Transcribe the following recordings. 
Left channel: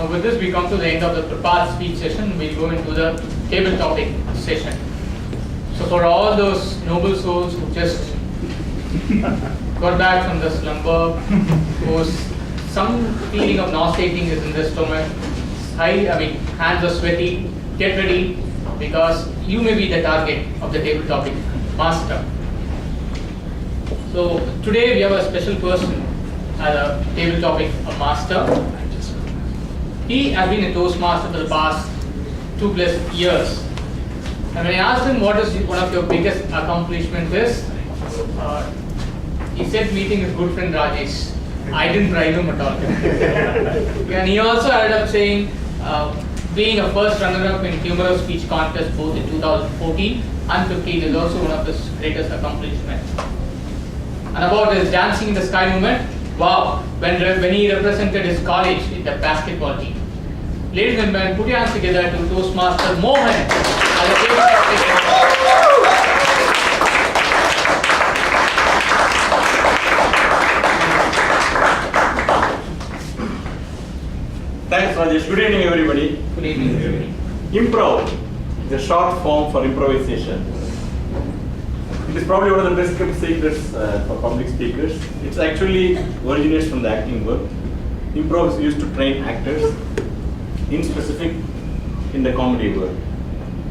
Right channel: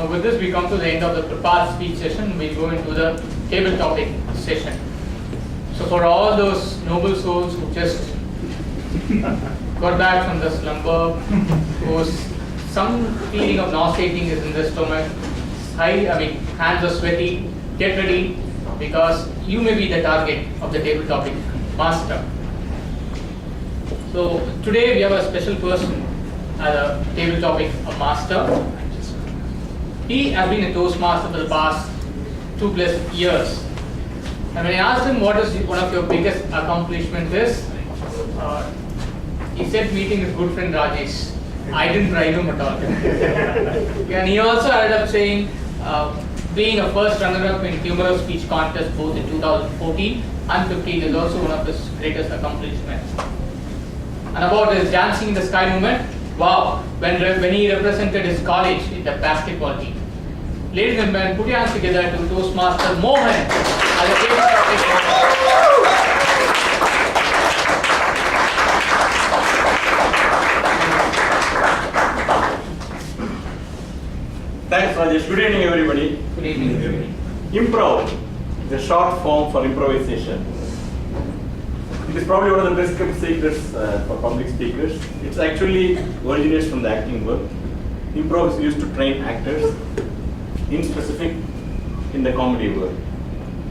Now with this we come to the end of the prepared speech session. We'll go into the table topic session. So for all those noble souls who just got back from the slumber, whose some feeling of nauseating is in the stomach, hands are sweaty, get ready because you may be the target of the table topic master. So today we have a special person as a table topic master. He has been a Toastmaster for the past 2+ years. And when I asked him what is one of your biggest accomplishments is, he said meeting his good friend Rajesh. I didn't bribe him at all. And he also ended up saying being a first runner-up in humorous speech contest both in 2014 and 15 is also one of his greatest accomplishments. And about his dancing in the sky movement, wow, when he represented his college in the basketball team. Ladies and gentlemen, put your hands together to Toastmaster Mohan as a table topic. Thanks, Rajesh. Good evening, everybody. Good evening, everybody. Improv, the short form for improvisation. It is probably one of the best kept secrets for public speakers. It actually originates from the acting world. Improv is used to train actors, in specific in the comedy world.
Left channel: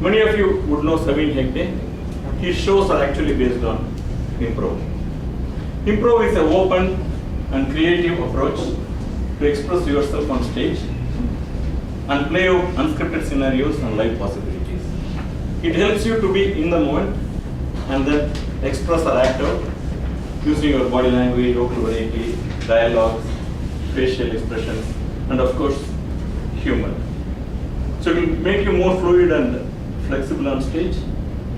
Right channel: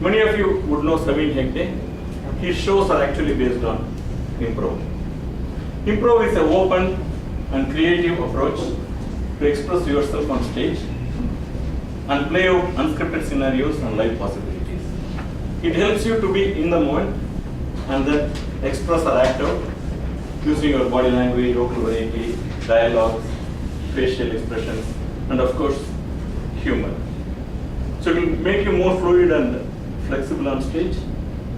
Many of you would know Saveen Hegde. His shows are actually based on improv. Improv is an open and creative approach to express yourself on stage and play out unscripted scenarios and live possibilities. It helps you to be in the moment and then express or act out using your body language, vocal variety, dialogues, facial expressions, and of course, humor. So it will make you more fluid and flexible on stage.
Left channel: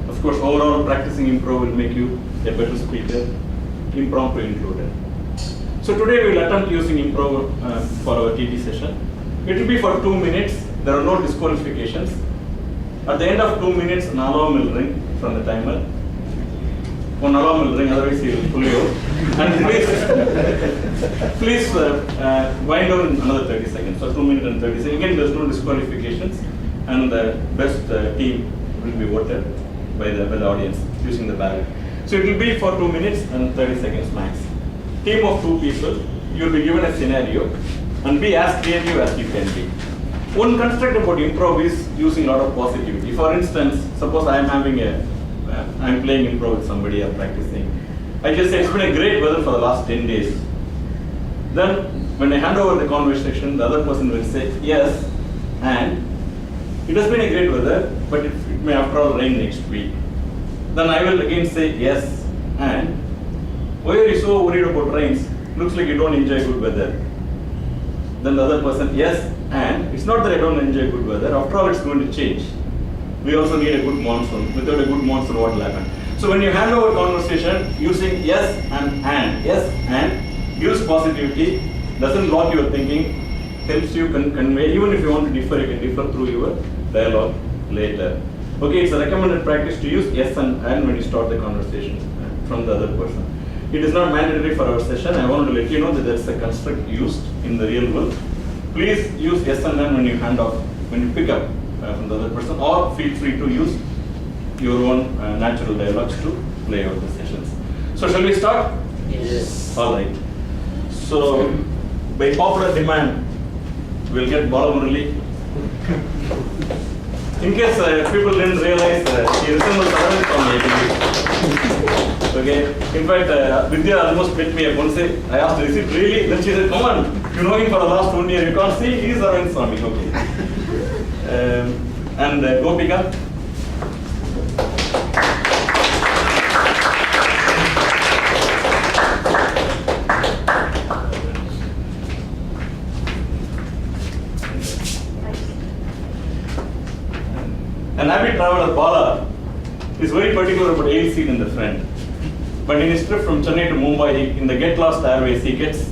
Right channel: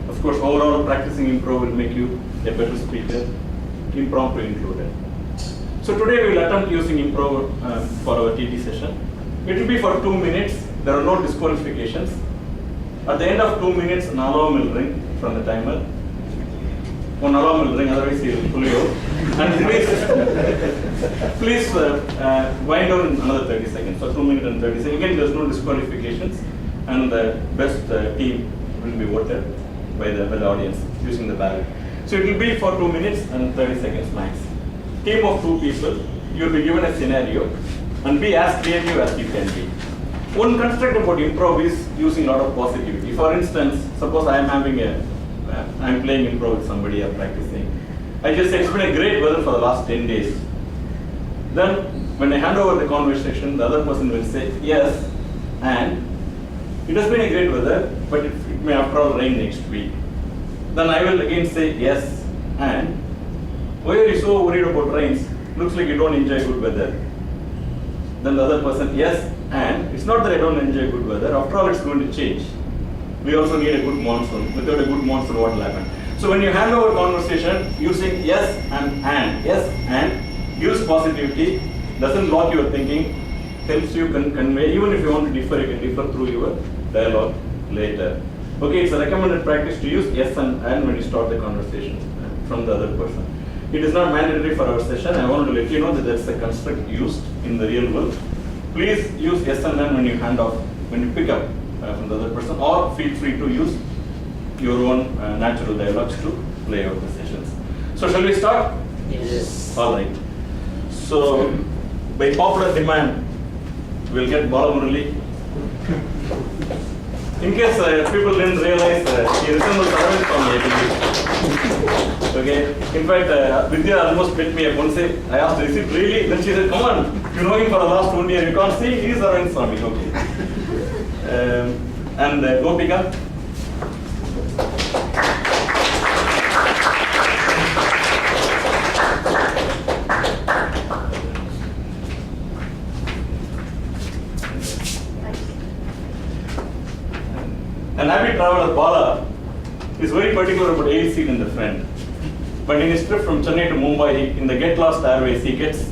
Of course, overall practicing improv will make you a better speaker, impromptu included. So today we will attempt using improv for our TT session. It will be for 2 minutes. There are no disqualifications. At the end of 2 minutes, an alarm will ring from the timer. One alarm will ring, otherwise he will pull you out. And please wind down in another 30 seconds. So 2 minutes and 30 seconds. Again, there's no disqualifications, and the best team will be voted by the audience using the ballot. So it will be for 2 minutes and 30 seconds max. Team of 2 people, you will be given a scenario and be as creative as you can be. One construct about improv is using a lot of positivity. For instance, suppose I am I'm playing improv with somebody or practicing. I just say it's been a great weather for the last 10 days. Then when I hand over the conversation, the other person will say yes, and it has been a great weather, but it may after all rain next week. Then I will again say yes, and why are you so worried about rains? Looks like you don't enjoy good weather. Then the other person, yes, and it's not that I don't enjoy good weather. After all, it's going to change. We also need a good monsoon. Without a good monsoon, what will happen? So when you hand over conversation using yes and gives positivity, doesn't block your thinking, helps you convey. Even if you want to differ, you can differ through your dialogue later. Okay, it's a recommended practice to use yes and when you start the conversation from the other person. It is not mandatory for our session. I want to let you know that that's a construct used in the real world. Please use yes and when you hand off, when you pick up from the other person, or feel free to use your own natural dialogues to play out the sessions. So shall we start? Yes. All right. So by popular demand, we'll get Bala Murali. In case people didn't realize, he resembles Aravind from Okay. In fact, Vidya almost picked me up once. I asked her, is it really? Then she said, come on, you know him for the last 1 year. You can't see, he is Aravind Swami. Okay. And Gopika. An avid traveler, Bala, is very particular about aisle seat in the front. But in his trip from Chennai to Mumbai, in the Get Lost Airways, he gets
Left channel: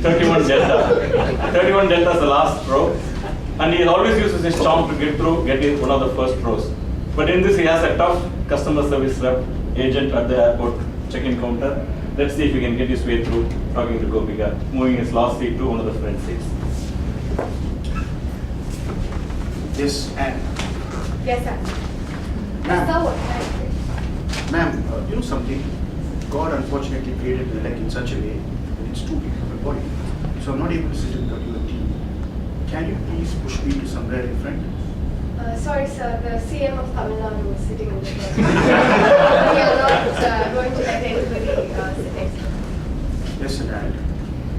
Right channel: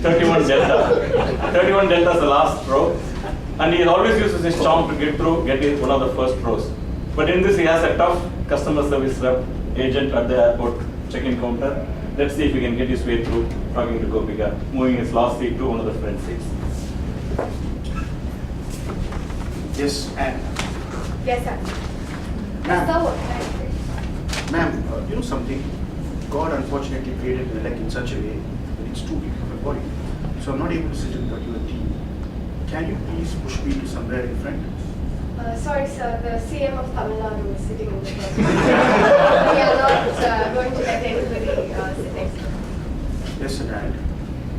31 Delta. 31 Delta is the last row. And he always uses his charm to get in one of the first rows. But in this, he has a tough customer service rep agent at the airport check-in counter. Let's see if he can get his way through talking to Gopika, moving his last seat to one of the front seats. Yes, and Yes, sir. Ma'am. Sir, what? ma'am, you know something? God unfortunately created the leg in such a way that it's too big for my body. So I'm not able to sit in particular team. Can you please push me to somewhere in front? Sorry, sir. The CM of Tamil Nadu is sitting in the front. We are not going to let anybody sit next to her. Yes, sir, and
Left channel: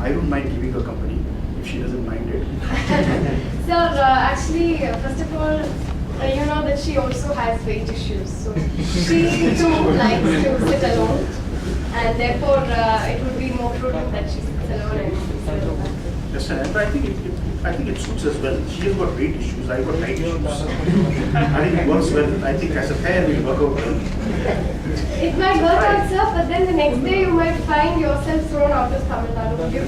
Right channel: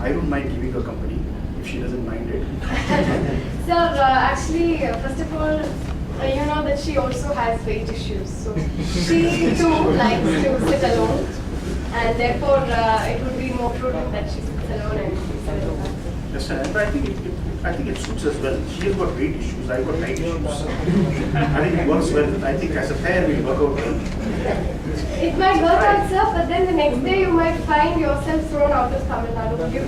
I don't mind giving her company if she doesn't mind it. Sir, actually, first of all, you know that she also has weight issues. So she too likes to sit alone. And therefore, it would be more prudent that she sits alone and we sit alone. Yes, sir, but I think it suits us well. She has got weight issues, I've got height issues. I think it works well. I think as a pair we work out well. It might work out, sir, but then the next day you might find yourself thrown out of Tamil Nadu. Would you be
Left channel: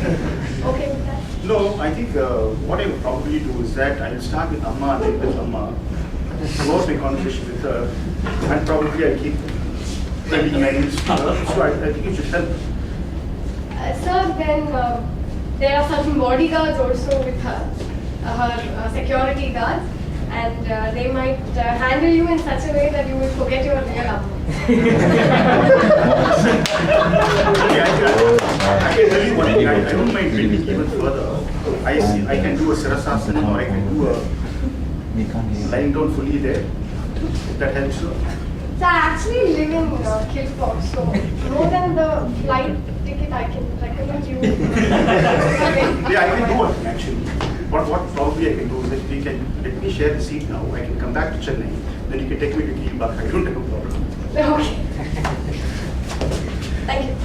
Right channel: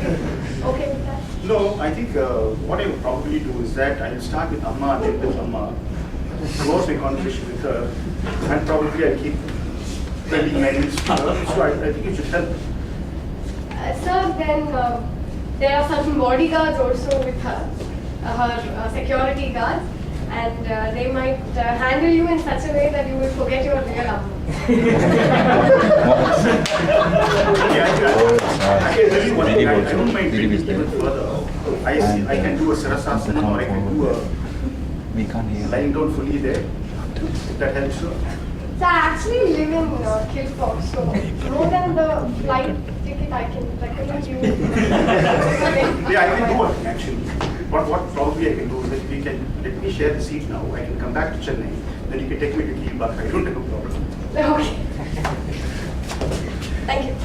okay with that? No, I think what I would probably do is that I will start with Amma and then with Amma, close my conversation with her, and probably I'll keep bending my knees to her. So I think it should help. Sir, then there are certain bodyguards also with her, her security guards, and they might handle you in such a way that you will forget your real Amma. I can tell you one thing, I don't mind taking it even further. I can do a Sirasasana or I can do a lying down fully there, if that helps you. So I actually live in Kilford, so more than the flight ticket I can recommend you. Yeah, I can do one thing actually. But what probably I can do is that we can, let me share the seat now, I can come back to Chennai, then you can take me to Kilbach, I don't have a problem. Okay. Thank you.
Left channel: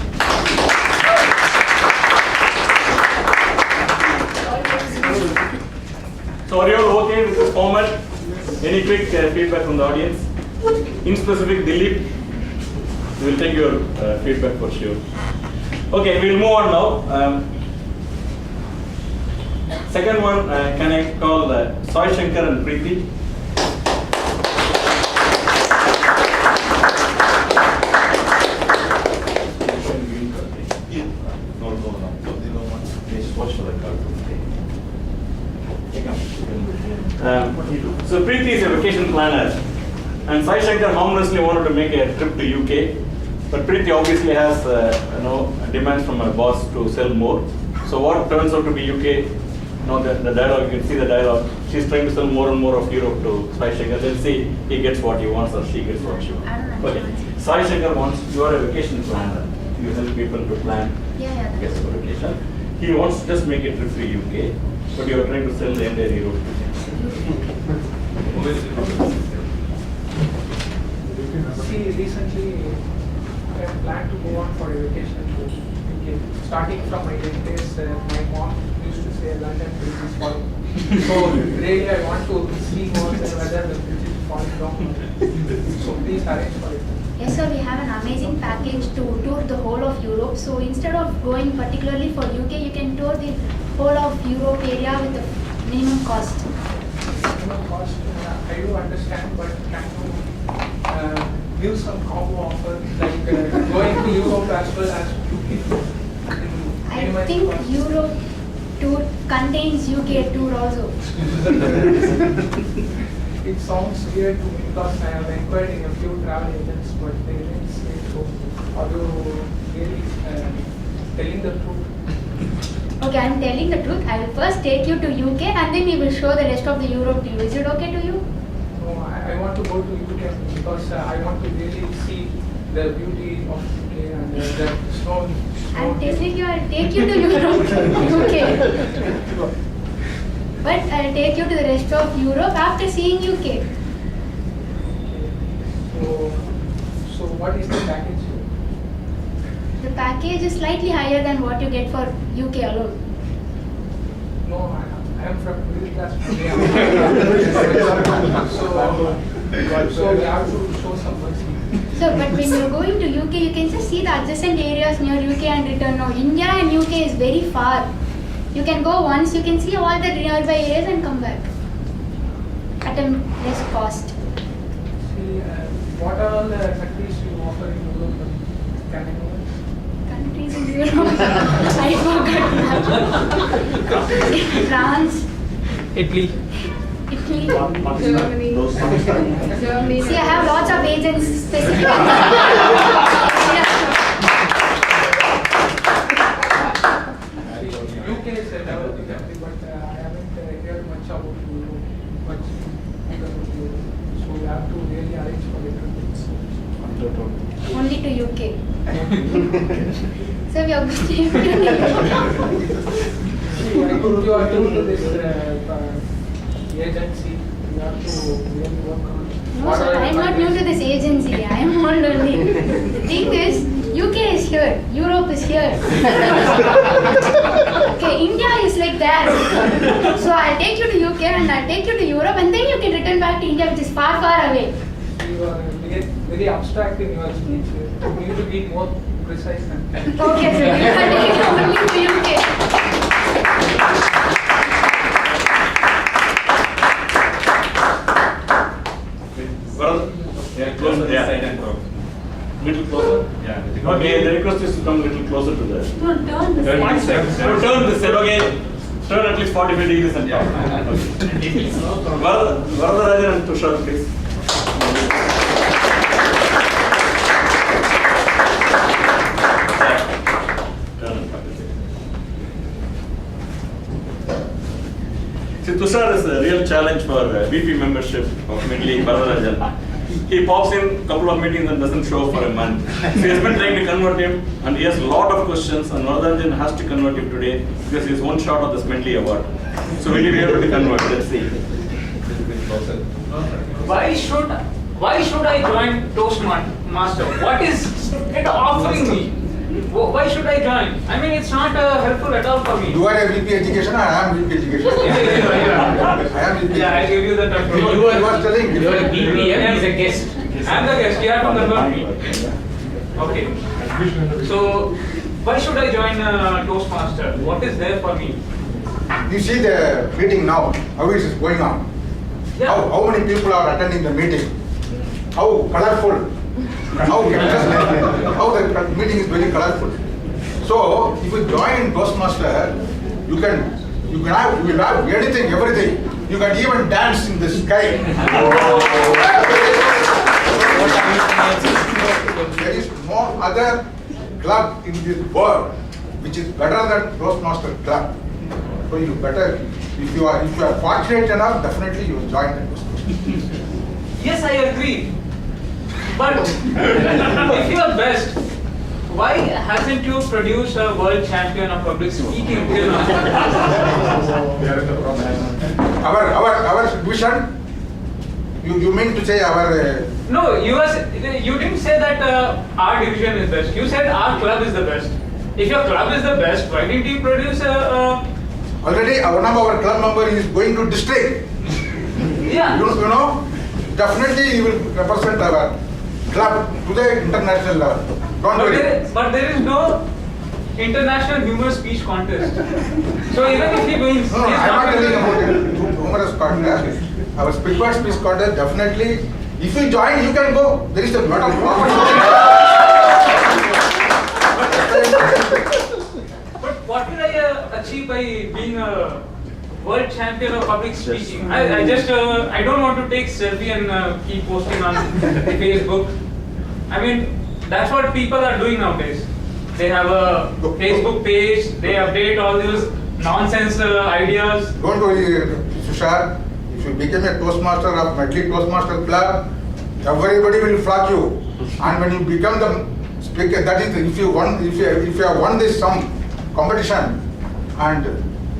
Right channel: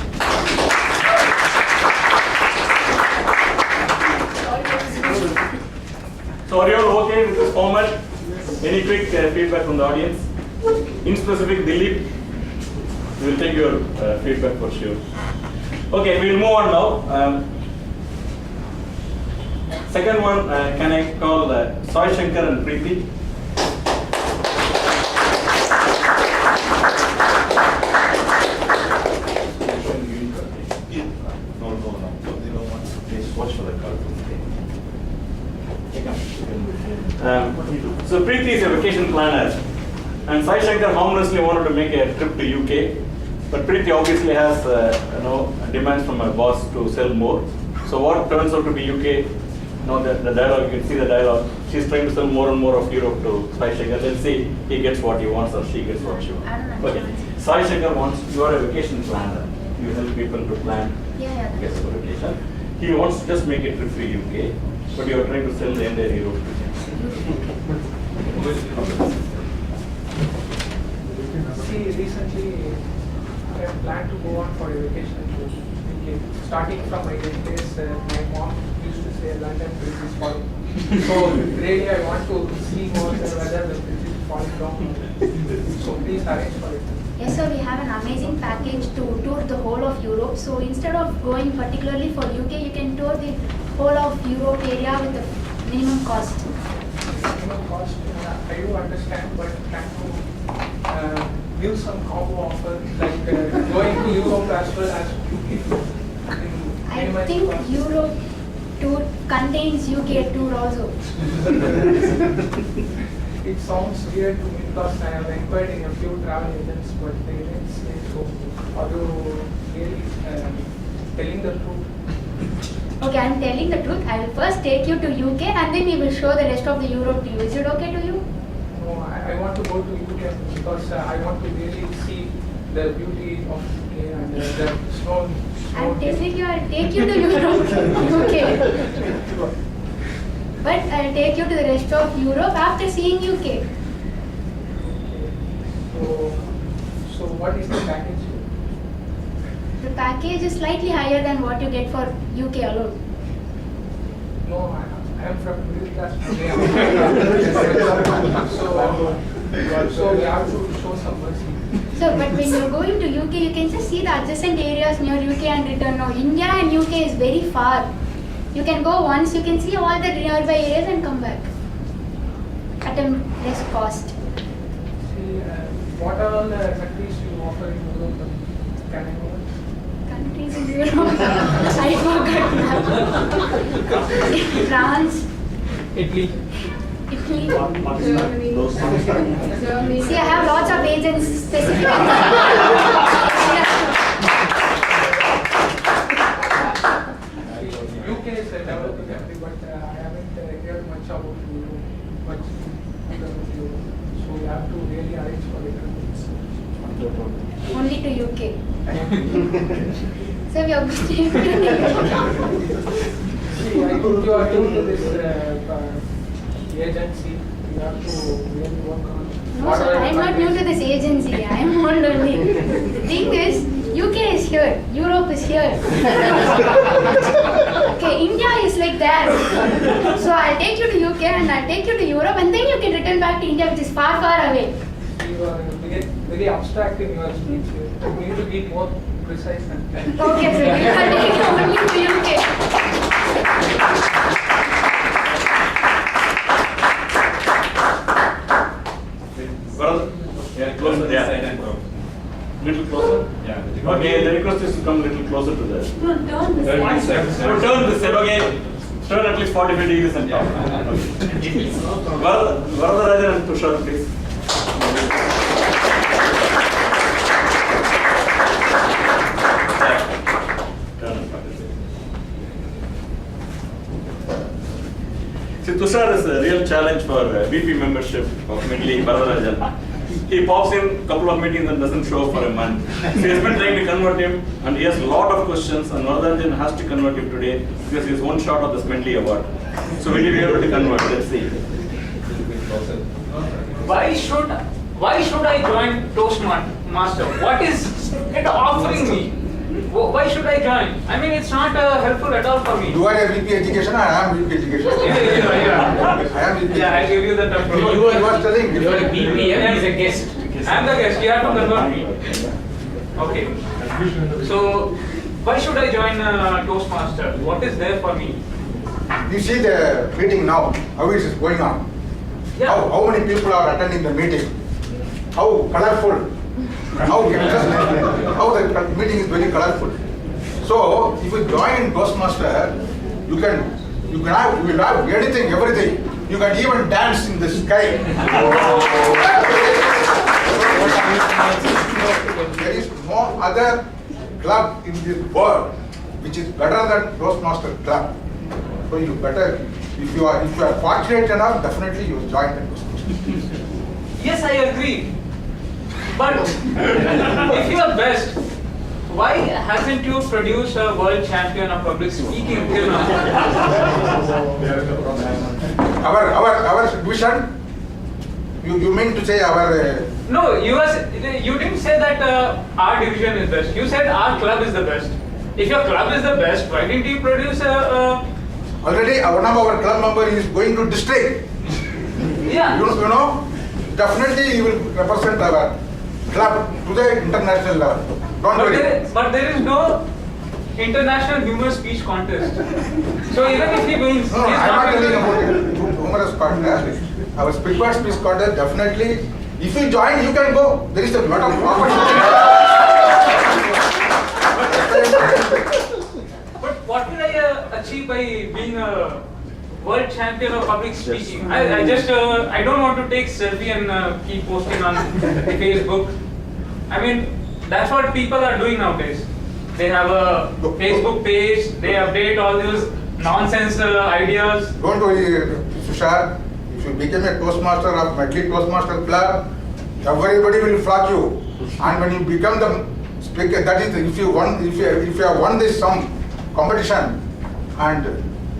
So are you all okay with this format? Any quick feedback from the audience? In specific, Dilip, we will take your feedback for sure. Okay, we'll move on now. Second one, can I call Sai Shankar and Preeti? So Preeti is a vacation planner, and Sai Shankar harmlessly wanted to make a trip to UK, but Preeti obviously has demands from her boss to sell more. So what turns out to be UK? Now the dialogue, you can see the dialogue. She's trying to sell more and more of Europe to Sai Shankar. Let's see he gets what he wants or she gets what she wants. Okay. Sai Shankar wants, you are a vacation planner. You help people to plan guest for vacation. He wants to just make a trip to UK, but you are trying to sell the entire Europe. See, recently I planned to go on for a vacation to UK. Starting from my days, my mom used to say London Bridge is falling. So really I want to see whether the bridge is falling down. So please arrange for it. Yes, sir, we have an amazing package to tour the whole of Europe. So instead of going particularly for UK, you can tour the whole of Europe area with the minimum cost. Minimum cost, I do understand, but can you give some combo offer, like going to Europe as well as UK? I think Europe tour contains UK tour also. It sounds weird to me because I have inquired in a few travel agents, but they didn't say so. Are you really telling the truth? Okay, I am telling the truth. I will first take you to UK and then we will show the rest of the Europe to you. Is it okay to you? No, I want to go to UK because I want to really see the beauty of UK and the snow. I am telling you, I will take you to Europe, UK. But I will take you to the rest of Europe after seeing UK. Okay. So what is the package? The package is slightly higher than what you get for UK alone. No, I am from middle class family. So we have to show some mercy. So, but when you're going to UK, you can just see the adjacent areas near UK and return. Now, India and UK is very far. You can go once, you can see all the nearby areas and come back at a less cost. See, what are all the countries you offer in Europe? Can I know it? Countries in Europe, I forgot now. France, Italy. Italy. Germany. Germany. See, I have lots of agents specifically. Yeah. UK is a developing country, but I haven't heard much about Europe, much because of Europe. So we have to really arrange for it. Only to UK. So we are going to See, I think you are new to this agency. You have to really work on. No, sir, I am not new to this agency. I am old only. The thing is, UK is here, Europe is here. Okay, India is like that. So I'll take you to UK and I'll take you to Europe and then you can return back to India, which is far, far away. You are very abstract in your speech. You need to be more precise than that. Okay, so you are taking only to UK. Brother? Yeah, closer. Yeah. Little closer. Yeah. Okay, the request is to come little closer to the. Turn this way. Turn this side. Okay. Turn at least 45 degrees and talk. Varadarajan and Tushar, please. See, Tushar is a real challenge for VP membership of Medley, Varadarajan. He pops in a couple of meetings and doesn't show up for a month. So he has been trying to convert him, and he has a lot of questions, and Varadarajan has to convert him today because he is one shot of the Medley award. So will he be able to convert? Let's see. Why should I join Toastmaster? What is it offering me? Why should I join? I mean, it's not helpful at all for me. You are a VP education, I am VP education. Yeah. I am VP. Yeah, I'll give you the term. You are telling. You are a BPM, he's a guest. I'm the guest, you have to convert me. Okay. So, why should I join Toastmaster? What is there for me? You see the meeting now, how it is going on. Yeah. How many people are attending the meeting? How colorful, how interesting, how the meeting is very colorful. So if you join Toastmaster, you will have anything, everything. You can even dance in the sky. There is no other club in this world which is better than Toastmaster club. So you better, if you are fortunate enough, definitely you will join the Toastmaster. Yes, I agree. But if you are best, why hasn't you produced a world champion of public speaking till now? Our vision, you mean to say our... No, you didn't say that our division is best. You said our club is the best. If your club is the best, why didn't you produce Already one of our club member is going to district. Yeah. You know, definitely he will represent our club to the international level. Don't worry. But there is no international humor speech contest. So even if he wins, No, I am not telling about it. Humorous contest. Our speaker speech contest, definitely. If you join, you can go. There is a lot of But what will I achieve by being a world champion of public speaking? I don't want to take selfie and keep posting on Facebook. I mean, that's what people are doing nowadays. They have a Facebook page, they update all those nonsense ideas. Don't worry, Tushar. If you become a Toastmaster of Medley Toastmaster Club, everybody will flock you. And when you become the speaker, that is, if you have won this some competition, and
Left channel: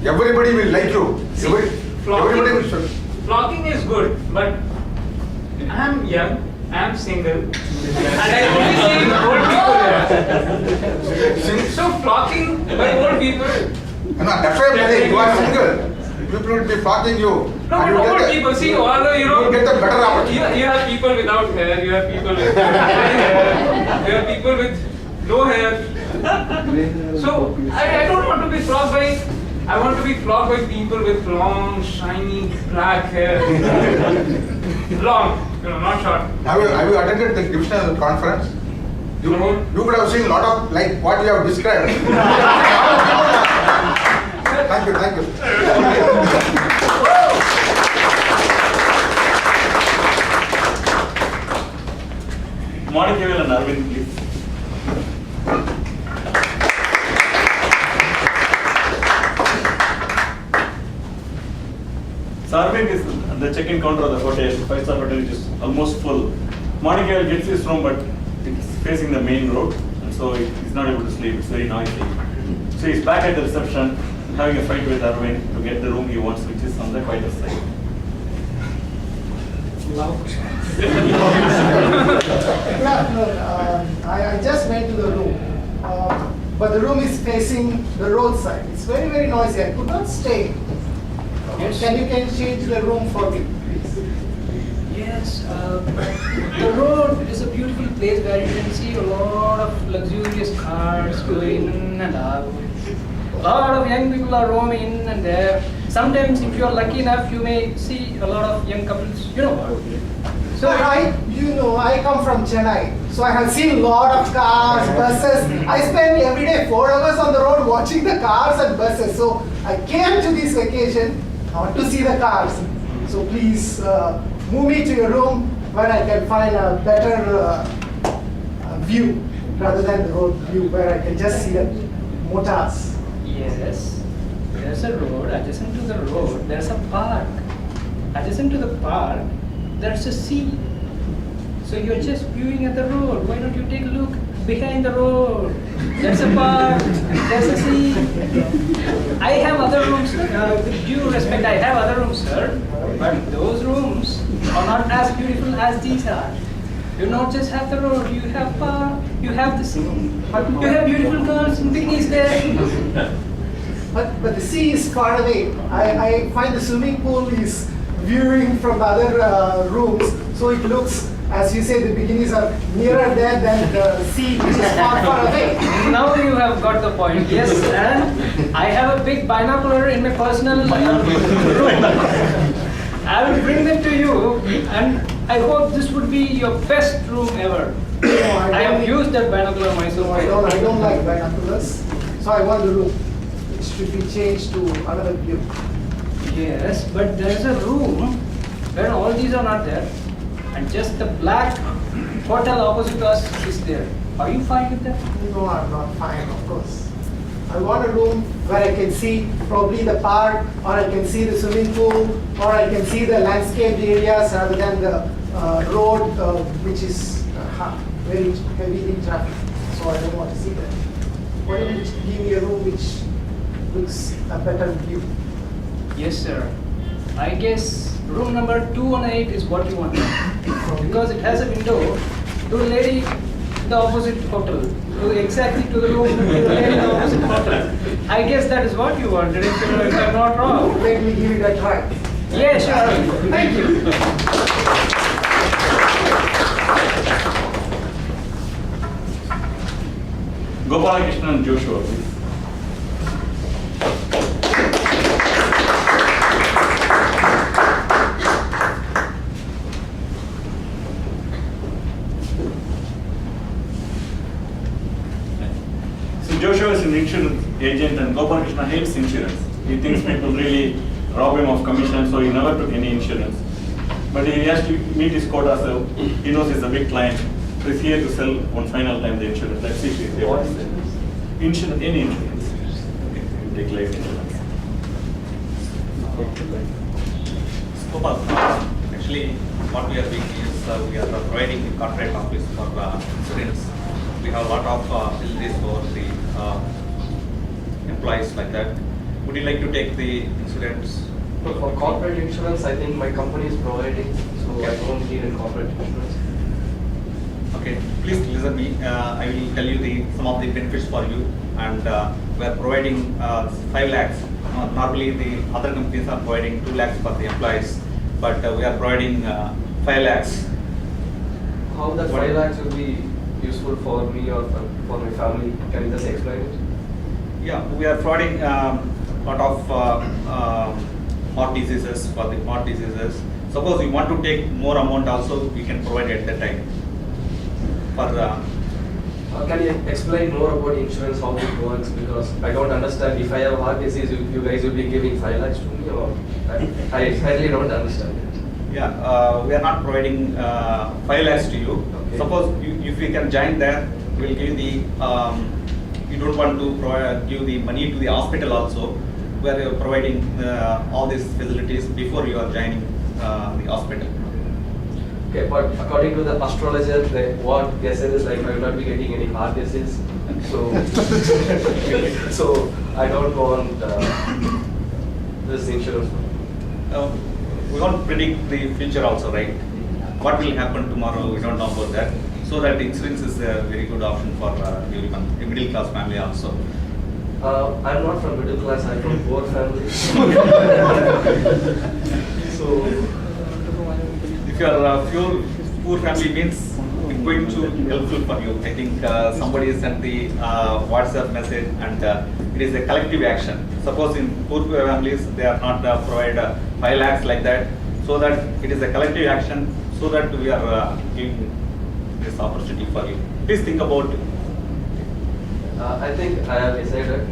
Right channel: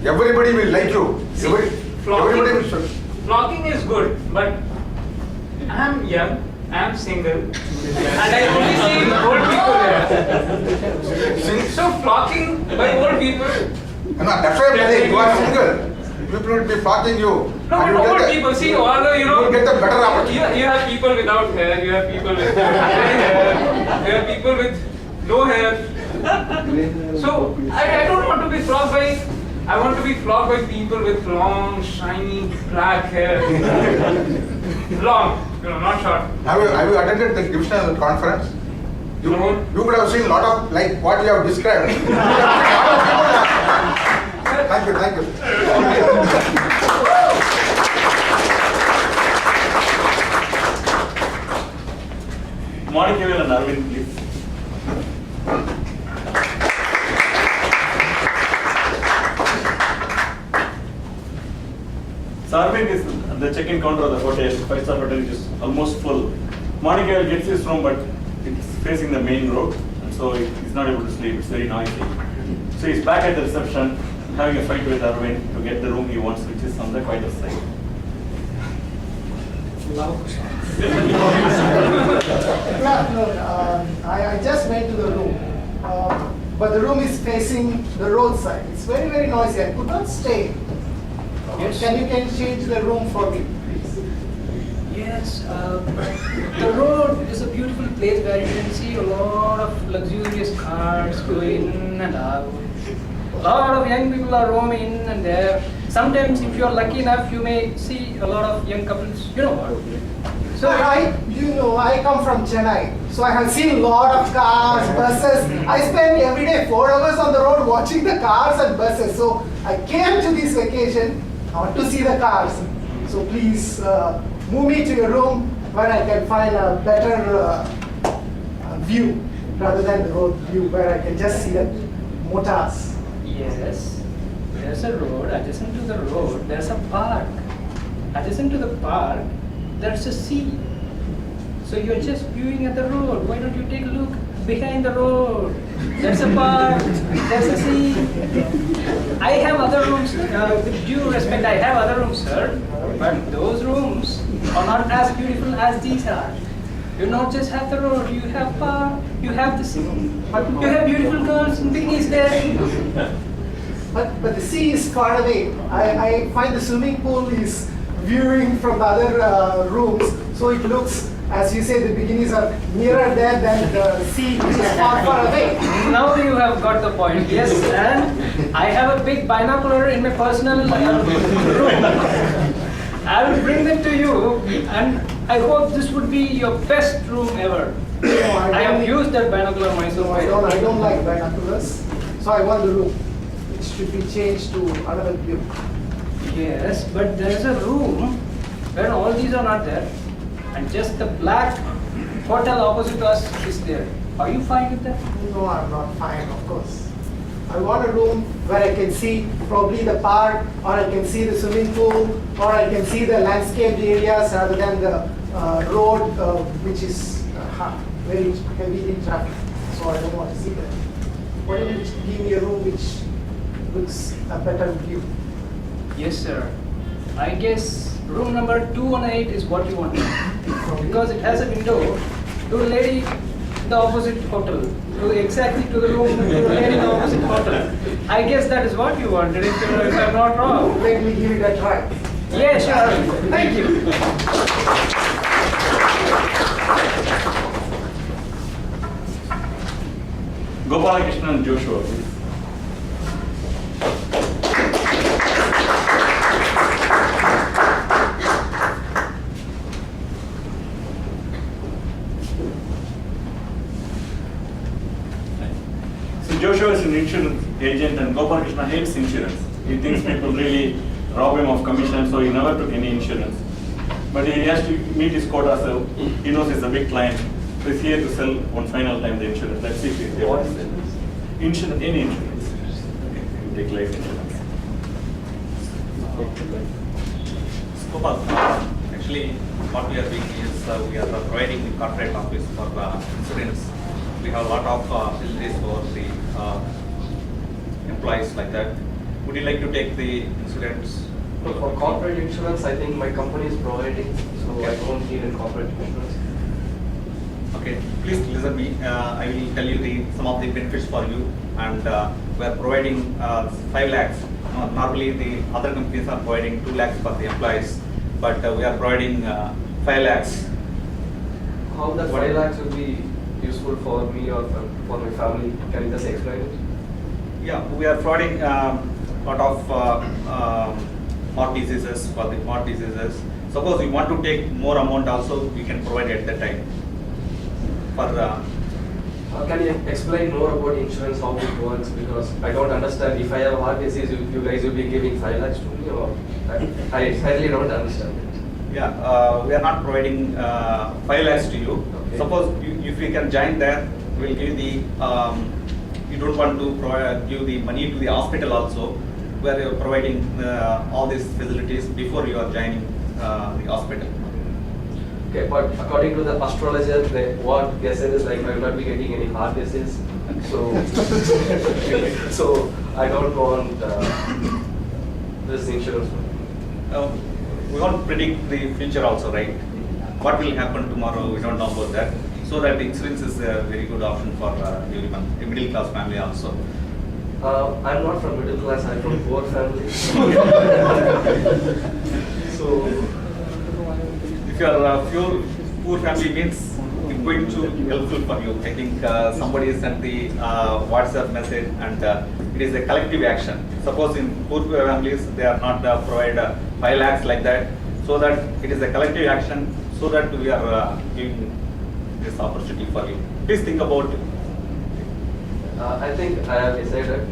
everybody will like you. Everybody will. Flocking is good, but I'm young, I'm single, and I only see old people here. So flocking by old people. No, that's why I'm telling you are single. People will be flocking you. No, and but you old get people, see, all the, you will get the better opportunity. you have people without hair, you have people with hair, you have people with no hair. So, I don't want to be flocked by, I want to be flocked by people with long, shiny, black hair. Long, not short. Have you attended the divisional conference? You could have seen a lot of, like what you have described. Thank you. Arvind is at the check-in counter of the hotel, 5-star hotel, which is almost full. Morning he gets his room, but it's facing the main road, and so he's not able to sleep. It's very noisy. So he's back at the reception, having a fight with Arvind to get the room he wants, which is on the quieter side. I just went to the room, but the room is facing the roadside. It's very, very noisy. I could not stay. Yes. Can you change the room for me, please? Yes, the road is a beautiful place where you can see a lot of luxurious cars going in and out. A lot of young people are roaming in and there. Sometimes, if you are lucky enough, you may see a lot of young couples. You know what? So I come from Chennai, so I have seen a lot of cars, buses. I spend every day 4 hours on the road watching the cars and buses. So I came to this vacation to see the cars. So please move me to your room where I can find a better view rather than the road view where I can just see the motors. Yes, there's a road. Adjacent to the road, there's a park. Adjacent to the park, there's a sea. So you're just viewing at the road. Why don't you take a look behind the road? There's a park, there's a sea. I have other rooms, with due respect, I have other rooms, sir. But those rooms are not as beautiful as these are. You not just have the road, you have park, you have the sea. You have beautiful girls in bikinis there. But the sea is far away. I find the swimming pool is viewing from the other rooms, so it looks, as you say, the bikinis are nearer there than the sea, which is far, far away. Now you have got the point. Yes, and I have a big binocular in my personal room. I will bring them to you, and I hope this would be your best room ever. I have used that binocular myself. No, I don't like binoculars, so I want the room. It should be changed to another view. Yes, but there is a room where all these are not there, and just the black hotel opposite us is there. Are you fine with that? No, I'm not fine, of course. I want a room where I can see probably the park, or I can see the swimming pool, or I can see the landscaped areas rather than the road, which is very heavily traffic. So I don't want to see that. Why don't you give me a room which looks a better view? Yes, sir. I guess room number 218 is what you want. Because it has a window to the lady in the opposite hotel. Exactly to the room to the lady in the opposite hotel. I guess that is what you wanted, if I'm not wrong. Let me give it a try. Yeah, sure. Thank you. Gopalakrishnan and Joshua, please. So Joshua is an insurance agent and Gopalakrishna hates insurance. He thinks people really rob him of commission, so he never took any insurance. But he has to meet his quota, so he knows he's a big client. So he's here to sell one final time the insurance. Let's see if he's able to sell. Insurance, any insurance. Okay, you take life insurance. Gopal, actually, what we are doing is we are providing the corporate office for insurance. We have a lot of facilities for the employees like that. Would you like to take the insurance? No, for corporate insurance, I think my company is providing, so I don't need a corporate insurance. Okay, please listen me. I will tell you some of the benefits for you, and we are providing 5 lakhs. Normally, the other companies are providing 2 lakhs for the employees, but we are providing 5 lakhs. How that 5 lakhs will be useful for me or for my family? Can you just explain it? Yeah, we are providing lot of heart diseases for the heart diseases. Suppose you want to take more amount also, we can provide at that time. For can you explain more about insurance, how it works? Because I don't understand. If I have heart disease, you guys will be giving 5 lakhs to me, or I really don't understand it. Yeah, we are not providing 5 lakhs to you. Okay. Suppose if you can join there, we will give the. You don't want to give the money to the hospital also. where you are providing all these facilities before you are joining the hospital. Okay, but according to the astrologer, what they said is like I will not be getting any heart disease. So, so I don't want this insurance. We won't predict the future also, right? What will happen tomorrow, we don't know about that. So that insurance is a very good option for everyone, a middle class family also. I'm not from middle class, I'm from poor family. So, if you are a poor family means it's going to be helpful for you. I think somebody sent the WhatsApp message and it is a collective action. Suppose in poor families they are not provide 5 lakhs like that, so that it is a collective action, so that we are giving this opportunity for you. Please think about it. I think I have decided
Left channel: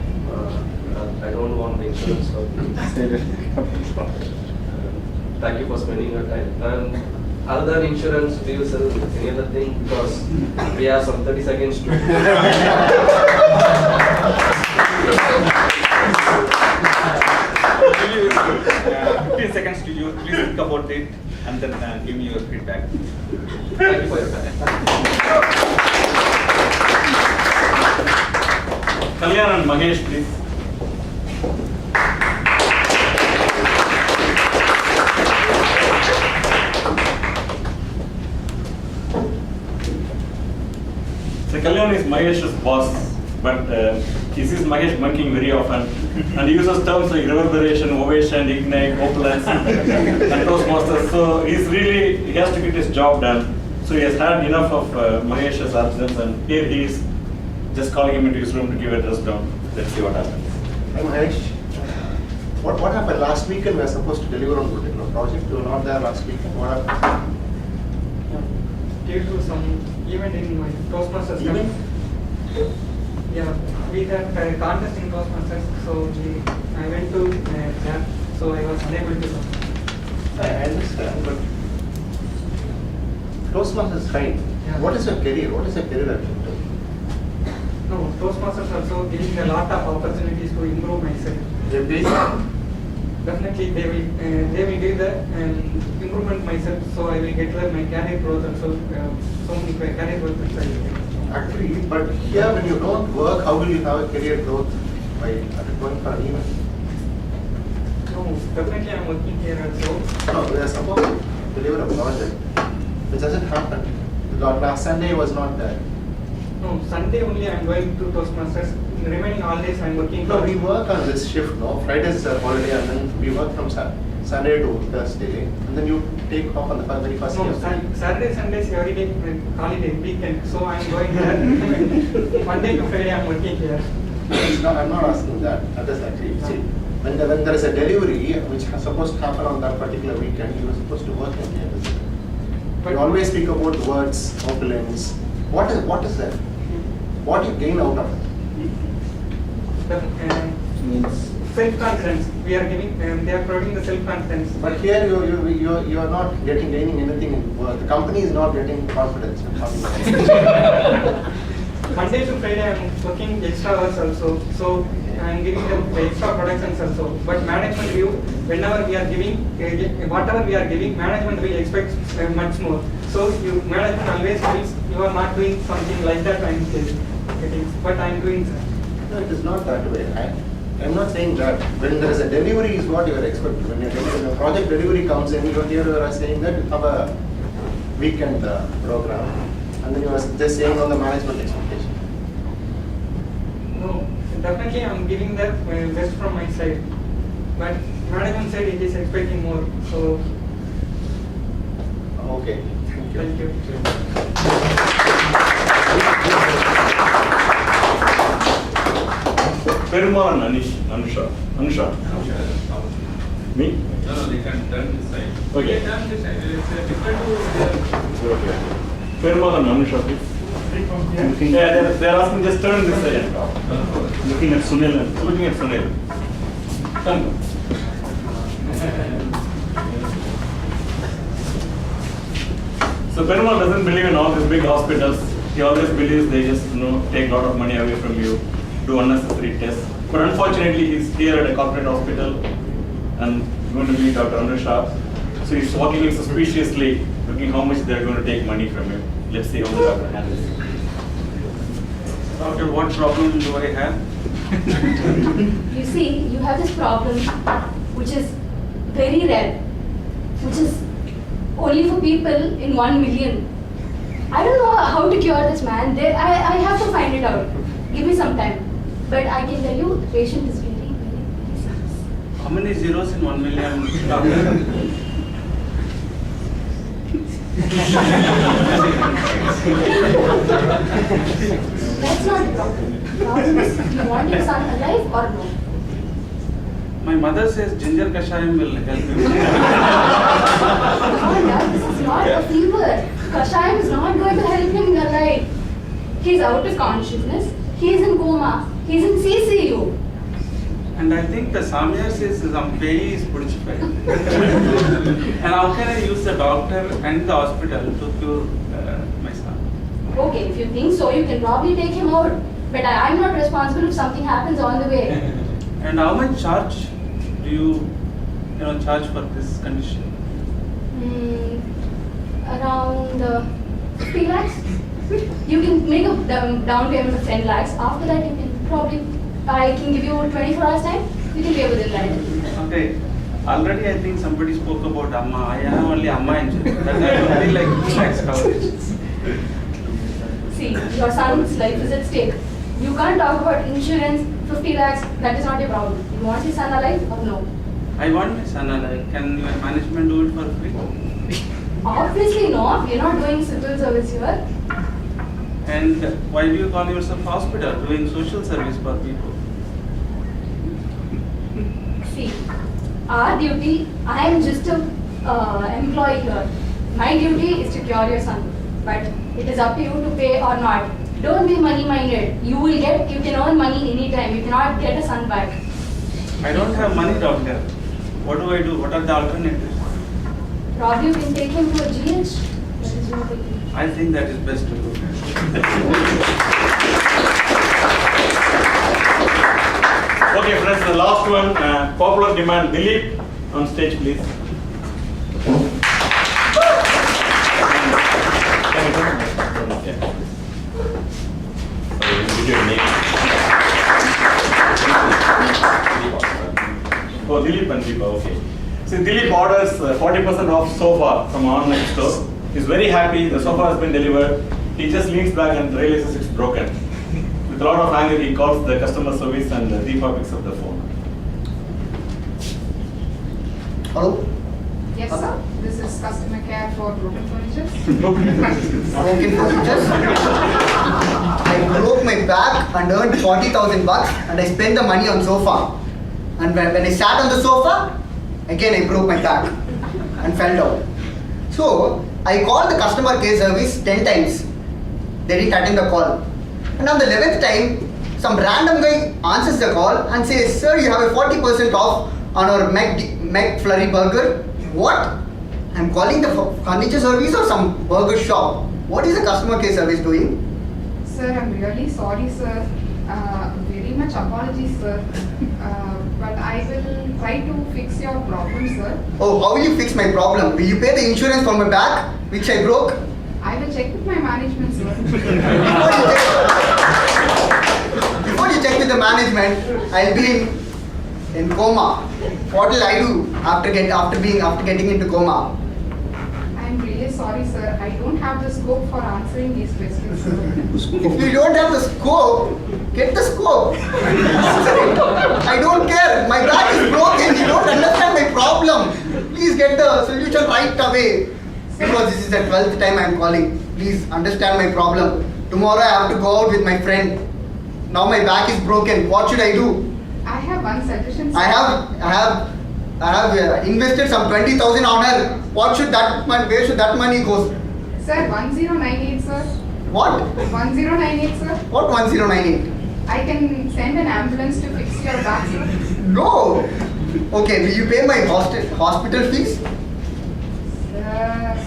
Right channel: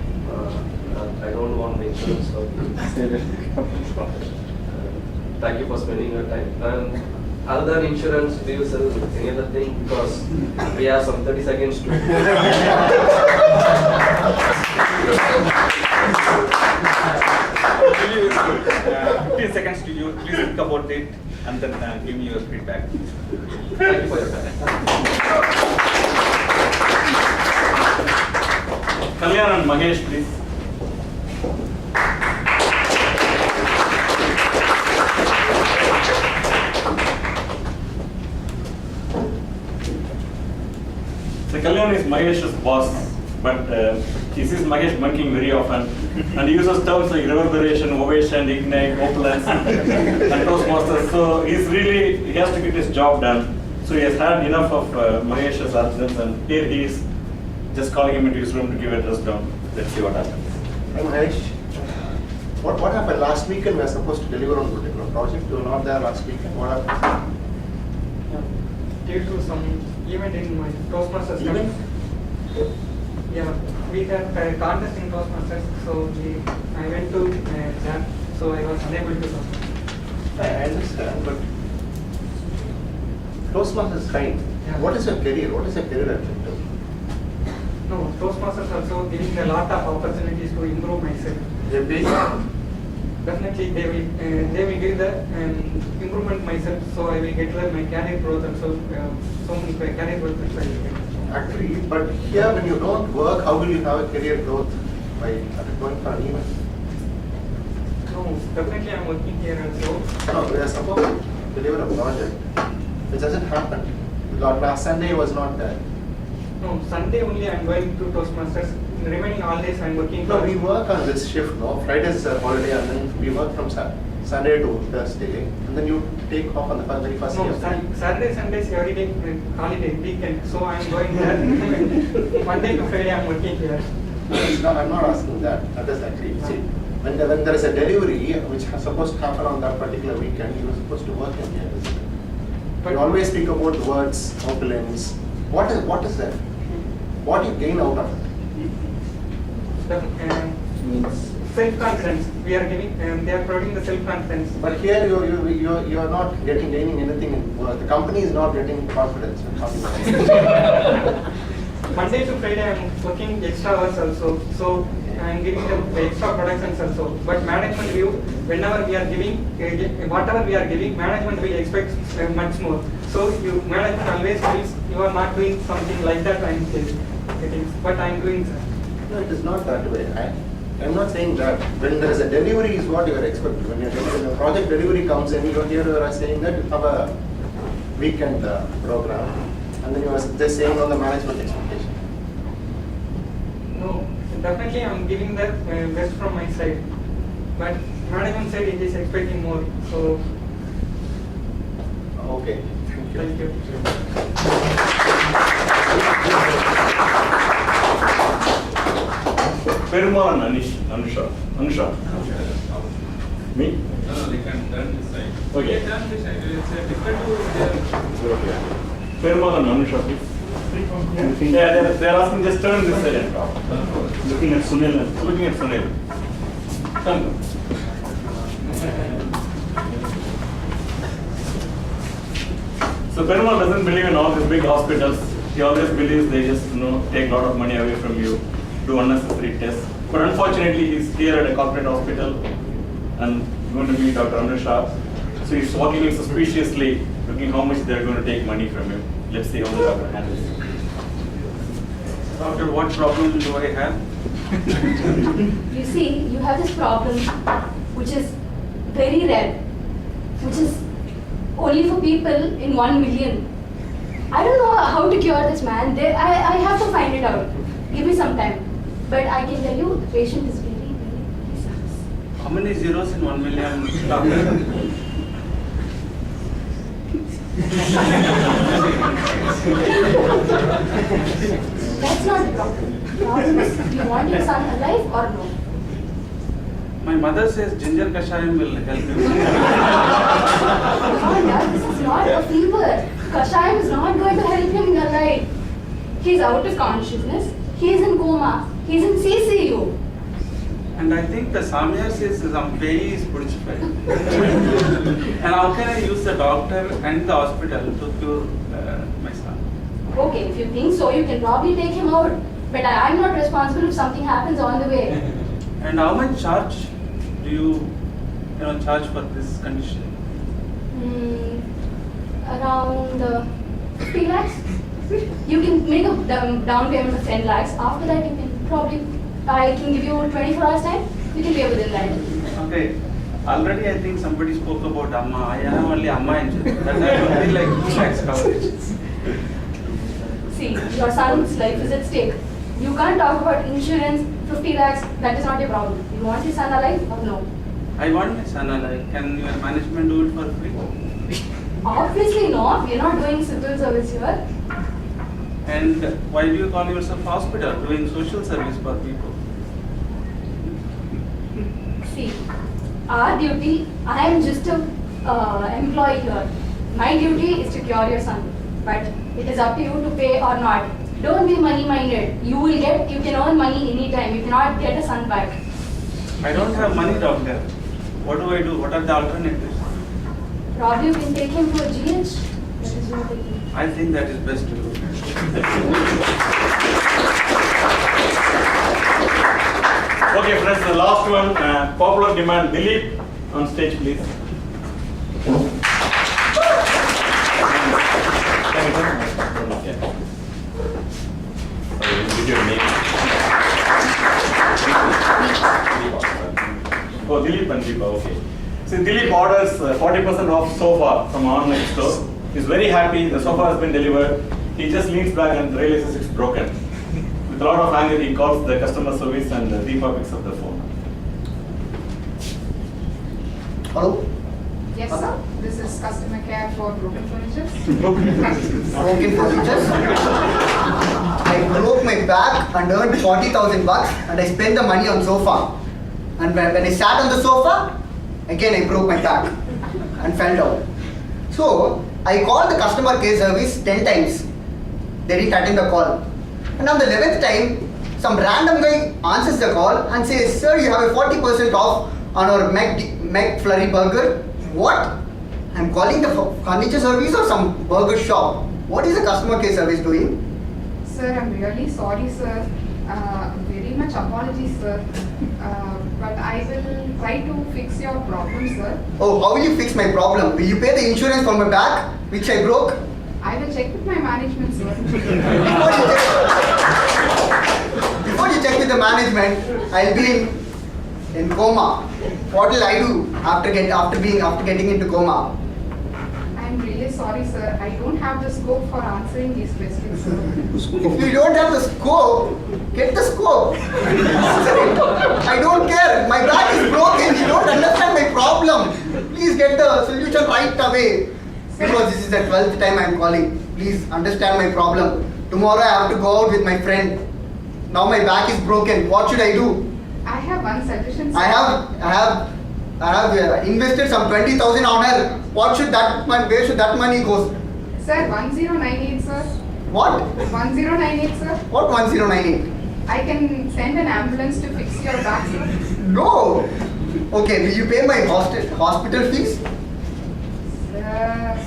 I don't want the insurance. So thank you for spending your time. Other than insurance, do you sell any other thing? Because we have some 30 seconds to. 15 seconds to you. Please think about it and then give me your feedback. Thank you for your time. Kalyan and Mahesh, please. So Kalyan is Mahesh's boss, but he sees Mahesh bunking very often, and he uses terms like reverberation, ovation, ignite, opulence, and Toastmasters. So he has to get his job done. So he has had enough of Mahesh's absence, and here he is just calling him into his room to give a dress down. Let's see what happens. Hi Mahesh, what happened last weekend? We were supposed to deliver on a particular project. You were not there last weekend. What happened? Due to some event in my Toastmasters. Event? Yeah, we had a contest in Toastmasters, so I went to that, so I was unable to come. I understand, but Toastmasters is fine. Yeah. What is your career? What is your career objective? No, Toastmasters also giving a lot of opportunities to improve myself. Your base? Definitely, they will give the improvement myself, so I will get my career growth also. So many career growth I will get. Actually, but here when you don't work, how will you have a career growth by going for an event? No, definitely I'm working here also. No, we are supposed to deliver a project, which doesn't happen. Last Sunday was not there. No, Sunday only I'm going to Toastmasters. The remaining all days I'm working. No, we work on this shift, no? Friday is a holiday and then we work from Sunday to Thursday and then you take off on the very first day No, of the week. Saturday, Sundays every day holiday, weekend. So I'm going there. Monday to Friday I'm working here. No, I'm not asking that. That is actually, see, when there is a delivery which is supposed to happen on that particular weekend, you are supposed to work in here, isn't it? But You always speak about words, opulence. What is that? What do you gain out of it? Self-confidence. We are giving. They are providing the self-confidence. But here you are not gaining anything in work. The company is not getting confidence. Monday to Friday I'm working extra hours also. So I'm giving them the extra productions also. But management view, whenever we are giving, whatever we are giving, management will expect much more. So management always feels you are not doing something like that. I'm getting, but I'm doing that. No, it is not that way. I'm not saying that. When there is a delivery is what you are expected. When a project delivery comes in, you are saying that you have a weekend program and then you are just saying on the management expectation. No, definitely I'm giving the best from my side. But management side it is expecting more. So Okay. Thank you. thank you. Perumal and Anusha. Me? No, they can turn this side. Okay. They turn this side. It's difficult to. Okay. Perumal and Anusha, please. Yeah, they're asking just turn this side and talk. Looking at Sunil. Come. So Perumal doesn't believe in all these big hospitals. He always believes they just take a lot of money away from you, do unnecessary tests. But unfortunately, he's here at a corporate hospital and going to meet Dr. Anusha. So he's walking in suspiciously, looking how much they're going to take money from him. Let's see how the doctor handles it. Doctor, what problem do I have? You see, you have this problem which is very rare, which is only for people in 1 million. I don't know how to cure this, man. I have to find it out. Give me some time. But I can tell you, the patient is very, very sucks. How many zeros in 1 million, doctor? That's not the problem. The problem is, do you want your son alive or no? My mother says ginger kashayam will help you. Oh, yeah, this is not a fever. Kashayam is not going to help him alive. He's out of consciousness. He's in coma. He's in CCU. And I think the Samya says some pay is purified. And how can I use the doctor and the hospital to cure my son? Okay, if you think so, you can probably take him out. But I'm not responsible if something happens on the way. And how much charge do you charge for this condition? Around 50 lakhs. You can make a down payment of 10 lakhs. After that, you can probably, I can give you 24 hours time. You can pay within that. Okay. Already I think somebody spoke about Amma. I have only Amma insurance. That I only like 2 lakhs coverage. See, your son's life is at stake. You can't talk about insurance, 50 lakhs, that is not your problem. You want your son alive or no? I want my son alive. Can your management do it for free? Obviously no, we're not doing civil service here. And why do you call yourself hospital, doing social service for people? See, our duty, I am just an employee here. My duty is to cure your son. But it is up to you to pay or not. Don't be money minded. You can earn money anytime. You cannot get a son back. I don't have money, doctor. What do I do? What are the alternatives? Probably you can take him to a GH. That is what I think. I think that is best to do. Okay, friends, the last one, popular demand. Dilip, on stage, please. Oh, Dilip and Deepa, okay. So Dilip orders 40% off sofa from our online store. He's very happy, the sofa has been delivered. He just leans back and realizes it's broken. With a lot of anger, he calls the customer service and Deepa picks up the phone. Hello? Yes, sir. This is customer care for broken furniture. Broken furniture? I broke my back and earned 40,000 bucks and I spent the money on sofa. And when I sat on the sofa, again I broke my back and fell down. So I called the customer care service 10 times. They didn't attend the call. And on the 11th time, some random guy answers the call and says, "Sir, you have a 40% off on our McFlurry burger." What? I'm calling the furniture service or some burger shop. What is the customer care service doing? Sir, I'm really sorry, sir. Very much apologies, sir. But I will try to fix your problem, sir. Oh, how will you fix my problem? Will you pay the insurance for my back, which I broke? I will check with my management, sir. Before you check with the management, I'll be in coma. What will I do after getting into coma? I'm really sorry, sir. I don't have the scope for answering these questions, sir. If you don't have the scope, get the scope. I don't care. My back is broken. You don't understand my problem. Please get the solution right away. Because this is the 12th time I'm calling. Please understand my problem. Tomorrow I have to go out with my friend. Now my back is broken. What should I do? I have one suggestion, sir. I have invested some 20,000 on her. Where should that money go? Sir, 1098, sir. What? 1098, sir. What 1098? I can send an ambulance to fix your back, sir. No. Okay, will you pay my hospital fees? Sir.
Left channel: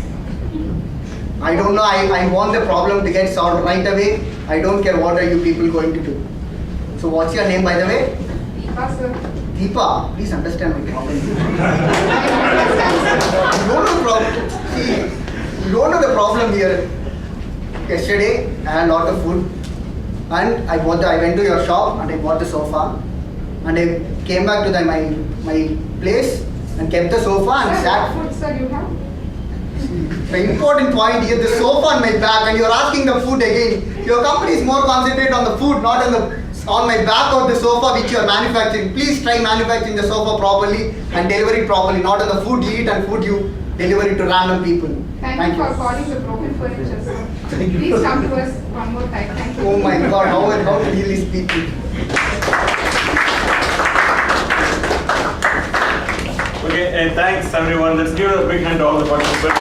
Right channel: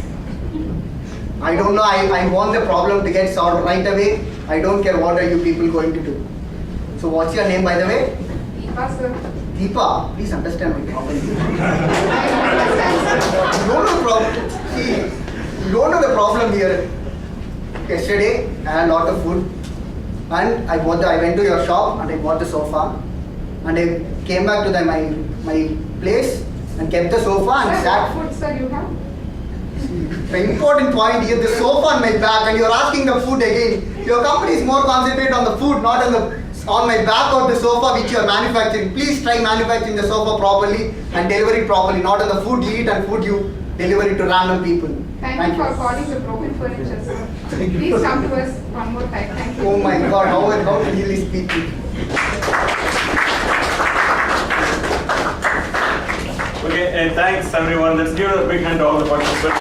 I don't know. I want the problem to get solved right away. I don't care what are you people going to do. So what's your name, by the way? Deepa, sir. Deepa, please understand my problem. You don't know the problem. See, you don't know the problem here. Yesterday, I had a lot of food, and I went to your shop and I bought the sofa, and I came back to my place and kept the sofa and Sir, sat. what food, sir, you have? The important point here, the sofa on my back, and you're asking the food again. Your company is more concentrated on the food, not on my back or the sofa which you are manufacturing. Please try manufacturing the sofa properly and deliver it properly, not on the food you eat and food you deliver it to random people. Thank you for calling the broken furniture, sir. Please come to us one more time. Thank you. Oh my God, how to deal these people? Okay, thanks everyone. Let's give a big hand to all the participants.